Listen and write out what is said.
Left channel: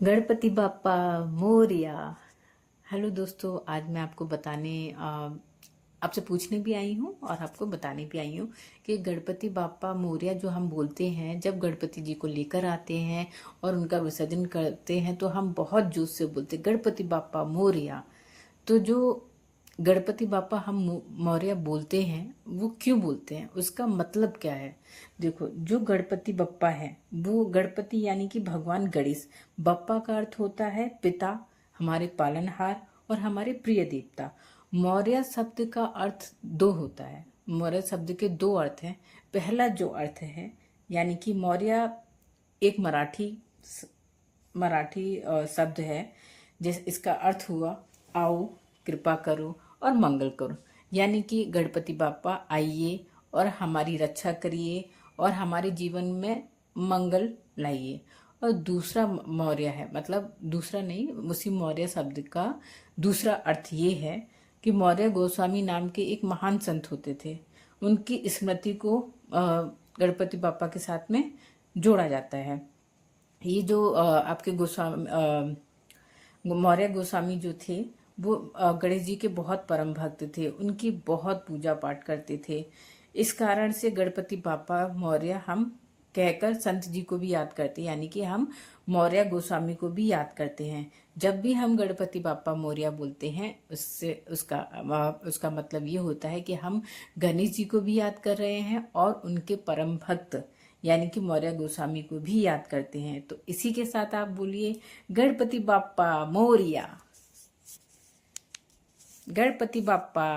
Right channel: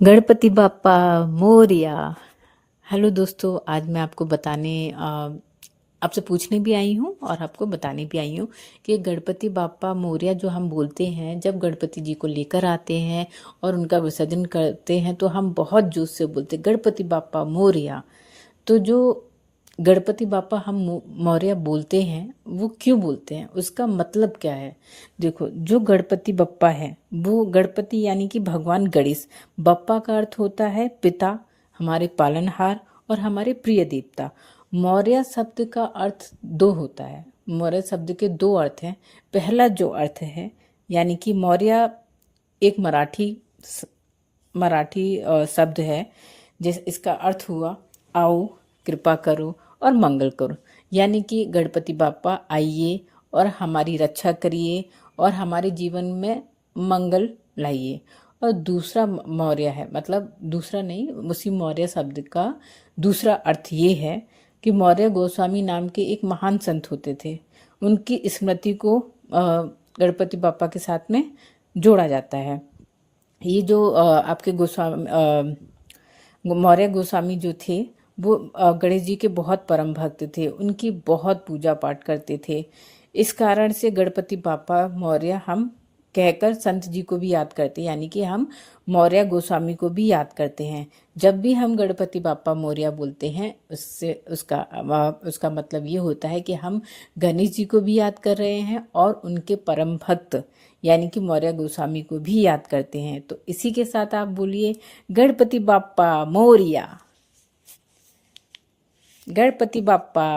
Ganpati Bappa Morya. Hello दोस्तों, आज मैं आपको बताने आपसे पूछने भी आई हूँ और आपको बताने भी आई हूँ कि गणपति बाप्पा मोरया जो हम बोलते हैं, जब गणपति जी को लेकर आते हैं और उनका विसर्जन करते हैं तो हम बहुत जोश से बोलते हैं गणपति बाप्पा मोरया। तो जो गणपति बाप्पा हम मौर्य बोलते हैं वो क्यों बोलते हैं, उसका मतलब क्या है। देखो, जो गणपति बप्पा है वो गणपति यानी कि भगवान गणेश। बप्पा का अर्थ होता है पिता, हमारे पालनहार और हमारे प्रिय देवता। मौर्य शब्द का अर्थ दो होता है। मौर्य शब्द के दो अर्थ हैं। पहला जो अर्थ है यानी कि मौर्य एक मराठी शब्द है, जिस इसका अर्थ हुआ आओ, कृपा करो और मंगल करो। यानी कि गणपति बाप्पा आइए और हमारी रक्षा करिए और हमारे जीवन में मंगल लाइए। और दूसरा मौर्य है, मतलब दूसरा नहीं, उसी मौर्य शब्द का दूसरा अर्थ ये है कि मौर्य गोस्वामी नाम के एक महान संत होते थे। उनकी स्मृति को गणपति बाप्पा के साथ में जोड़ा जाता है। ये जो आपके मौर्य गोस्वामी जो थे वो गणेश जी के बहुत परम भक्त थे, उनकी बहुत पूजा पाठ करते थे। इस कारण से गणपति बाप्पा मौर्य हम कहकर संत जी को भी याद करते हैं, यानी कि हम मौर्य गोस्वामी को भी याद करते हैं। जब भी हम गणपति बाप्पा मौर्य बोलते हैं उससे उसका मतलब ये होता है कि हम गणेश जी को भी याद कर रहे हैं और उनके परम भक्त यानी कि मौर्य गोस्वामी को भी याद करते हैं। तो इसी के साथ आप बोलिए गणपति बाप्पा मोरया। गणपति बाप्पा।